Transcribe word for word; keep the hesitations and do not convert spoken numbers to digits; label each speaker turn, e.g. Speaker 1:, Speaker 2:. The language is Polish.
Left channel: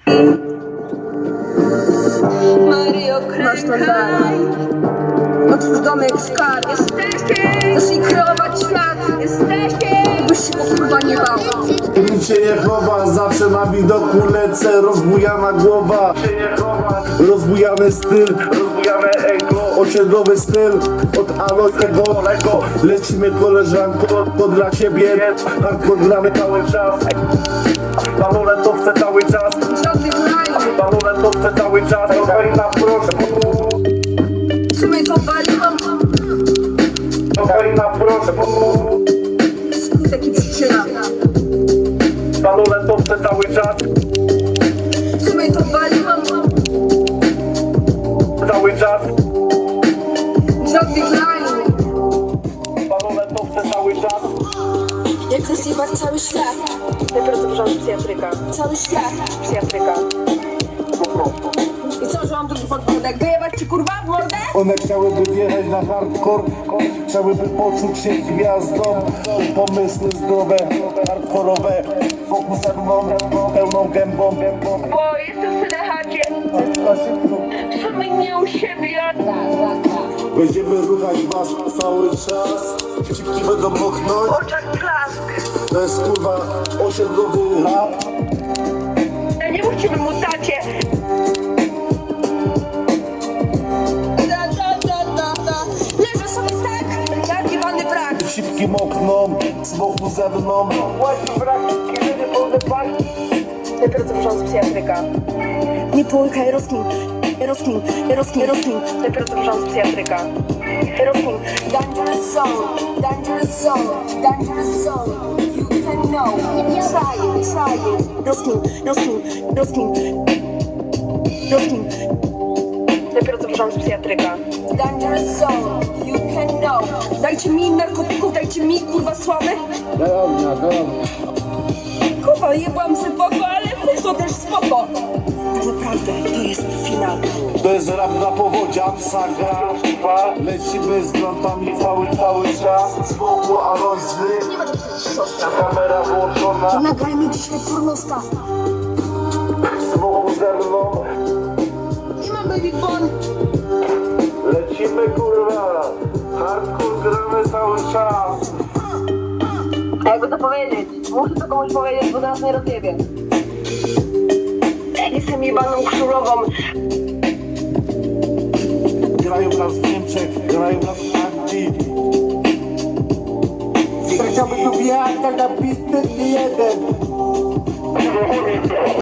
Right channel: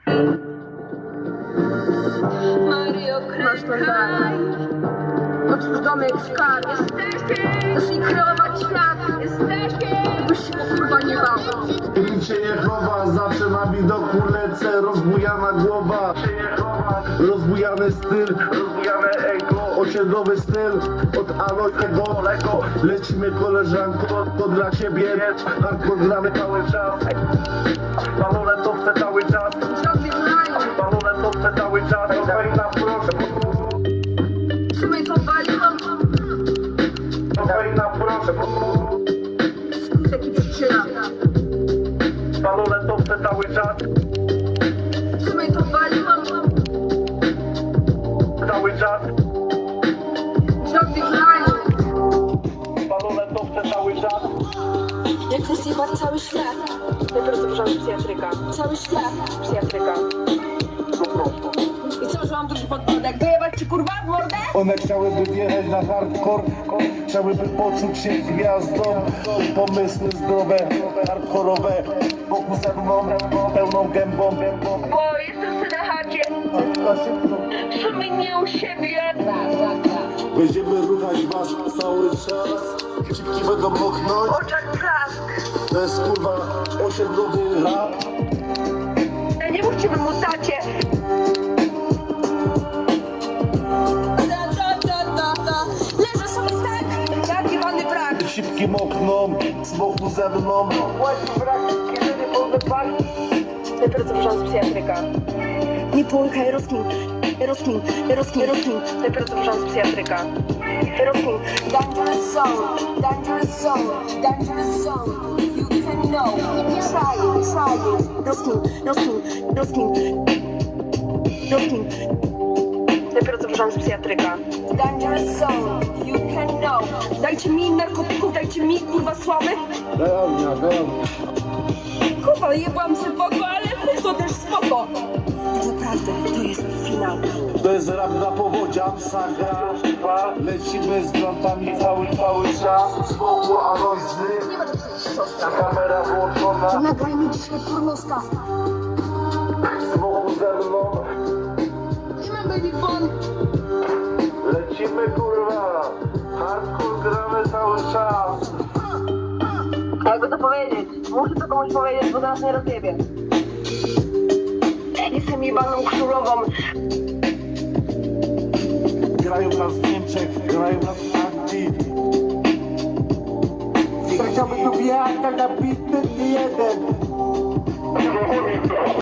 Speaker 1: Masz to dalej. Otwórz domek skarb. Zacznij kreować świat. Byś się kurwa nie bał.
Speaker 2: Nic się nie chowa, zawsze na widoku lecę. Rozbujana głowa, rozbujany styl, rozbujane ego, osiedlowy styl. Od Alojego Lego lecimy koleżanko, to dla ciebie. Hardcore gramy cały czas. Balonę to chcę cały czas. Balonę to chcę cały czas. Kokaina proszę.
Speaker 1: W sumie to waliłam.
Speaker 2: Kokaina proszę.
Speaker 1: Taki przyczyna.
Speaker 2: Balonę to chcę cały czas.
Speaker 1: W sumie to waliłam.
Speaker 2: Cały czas.
Speaker 1: Żadnych lajów.
Speaker 2: Balonę to chcę cały czas.
Speaker 1: Jak chcę zjebać cały świat. Dopiero co wrząt psychiatryka. Cały świat psychiatryka. I co, że mam drugi podbródek? Wyjebać ci kurwa w mordę?
Speaker 2: One chciałyby wjechać na hardcore, chciałyby poczuć się gwiazdą. Pomysły zdrowe, hardkorowe, wokół ze mną, pełną gębą.
Speaker 3: Bo jestem sobie na chacie, w sumie nie u siebie.
Speaker 2: Będziemy ruchać was cały czas, cipki będą mochnąć.
Speaker 3: Oczach blask.
Speaker 2: To jest kurwa osiedlowy rap.
Speaker 3: Ja nie mówcie mu tacie.
Speaker 1: Leżę sobie tak, jak jebany brak.
Speaker 2: Cipki mokną, z boku ze mną.
Speaker 3: Dopiero co wrząt psychiatryka.
Speaker 1: Nie połykaj, rozkmin, rozkmin, rozkmin, rozkmin.
Speaker 3: Dopiero co wrząt psychiatryka.
Speaker 1: Rozkmin. Dangerous zone, dangerous zone, dangerous zone. You can know. Try it, try it. Rozkmin, rozkmin, rozkmin, rozkmin.
Speaker 3: Dopiero co wrząt psychiatryka.
Speaker 1: Dangerous zone, you can know. Dajcie mi narkotyków, dajcie mi kurwa sławy.
Speaker 2: Dobra, dobra.
Speaker 1: Kurwa, jebłam se boko, ale to też spoko. Naprawdę, to jest finał.
Speaker 2: To jest rap na powodziach, saga, dwa. Lecimy z grątami cały, cały czas. Z boku Alojzy,
Speaker 1: Nie będzie przecież siostra.
Speaker 2: kamera włączona.
Speaker 1: Nagraj mi dzisiaj pornosta.
Speaker 2: Z boku ze mną.
Speaker 1: Nie ma baby fun.
Speaker 2: Lecimy kurwa, hardcore gramy cały czas.
Speaker 1: A jakby to powiedzieć? Muszę to komuś powiedzieć, bo zaraz nie rozjebie.